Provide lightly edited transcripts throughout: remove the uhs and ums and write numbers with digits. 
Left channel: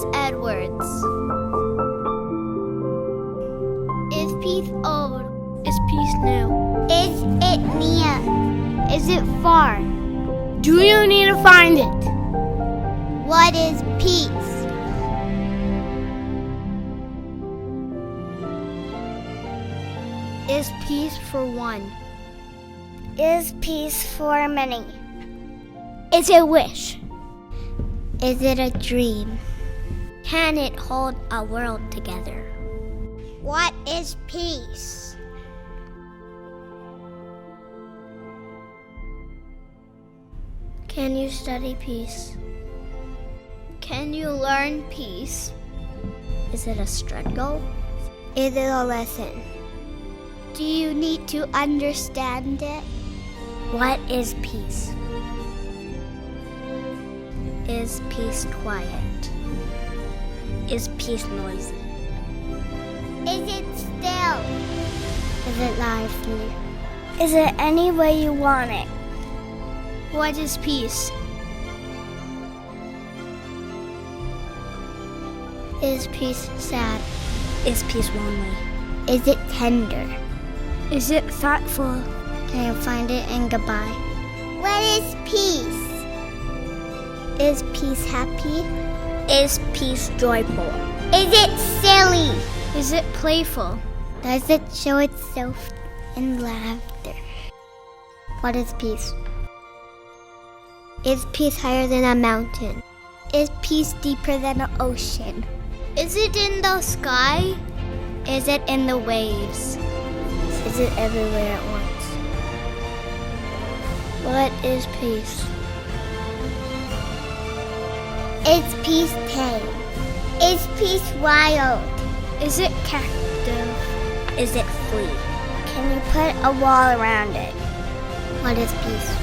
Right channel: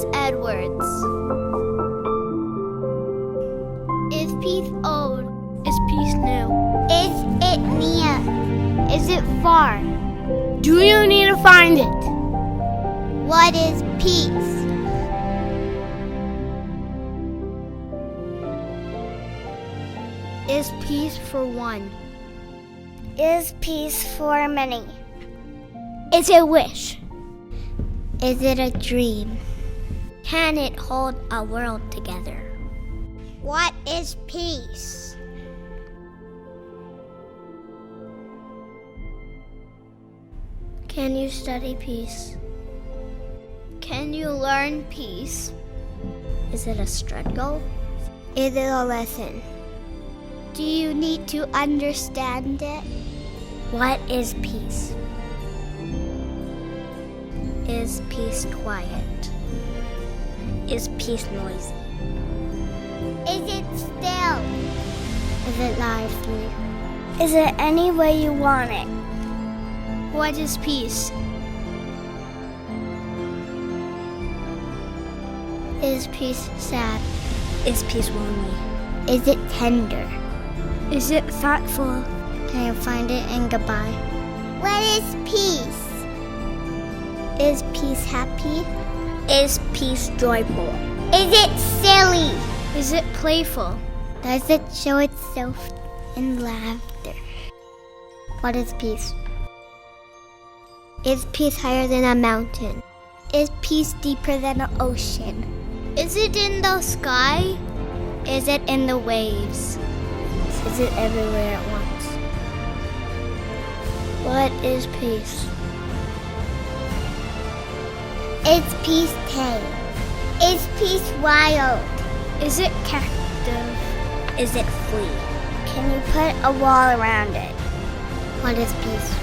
S. Edwards. Is peace old? Is peace new? Is it near? Is it far? Do you need to find it? What is peace? Is peace for one? Is peace for many? Is it a wish? Is it a dream? Can it hold a world together? What is peace? Can you study peace? Can you learn peace? Is it a struggle? Is it a lesson? Do you need to understand it? What is peace? Is peace quiet? Is peace noisy? Is it still? Is it lively? Is it any way you want it? What is peace? Is peace sad? Is peace lonely? Is it tender? Is it thoughtful? Can you find it in goodbye? What is peace? Is peace happy? Is peace joyful? Is it silly? Is it playful? Does it show itself in laughter? What is peace? Is peace higher than a mountain? Is peace deeper than an ocean? Is it in the sky? Is it in the waves? Is it everywhere at once? What is peace? Is peace tame? Is peace wild? Is it captive? Is it free? Can you put a wall around it? What is peace?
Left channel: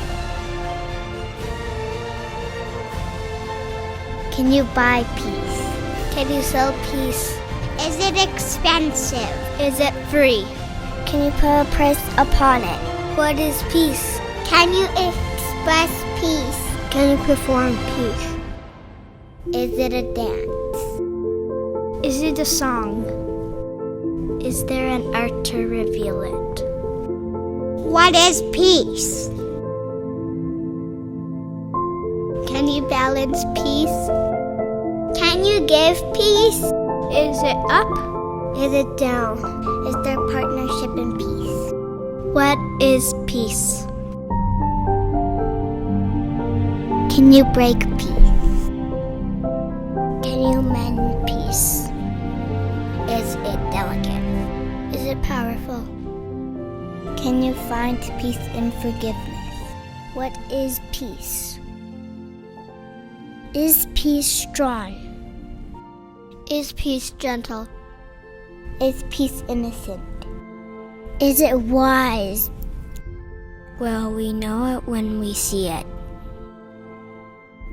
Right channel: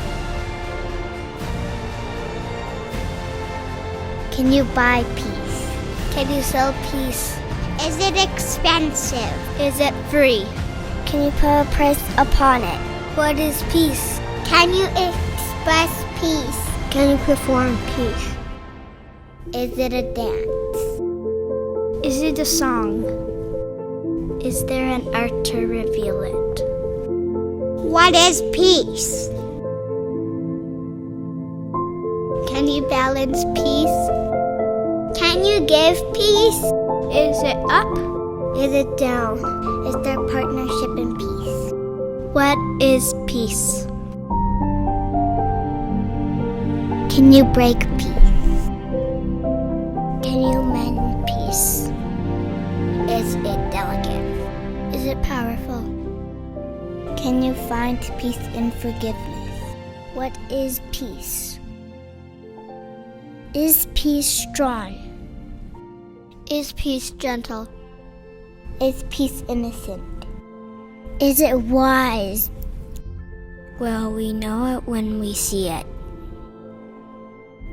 Can you buy peace? Can you sell peace? Is it expensive? Is it free? Can you put a price upon it? What is peace? Can you express peace? Can you perform peace? Is it a dance? Is it a song? Is there an art to reveal it? What is peace? Can you balance peace? Can you give peace? Is it up? Is it down? Is there partnership in peace? What is peace? Can you break peace? Can you mend peace? Is it delicate? Is it powerful? Can you find peace in forgiveness? What is peace? Is peace strong? Is peace gentle? Is peace innocent? Is it wise? Well, we know it when we see it.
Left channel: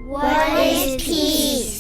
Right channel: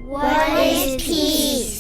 What is peace?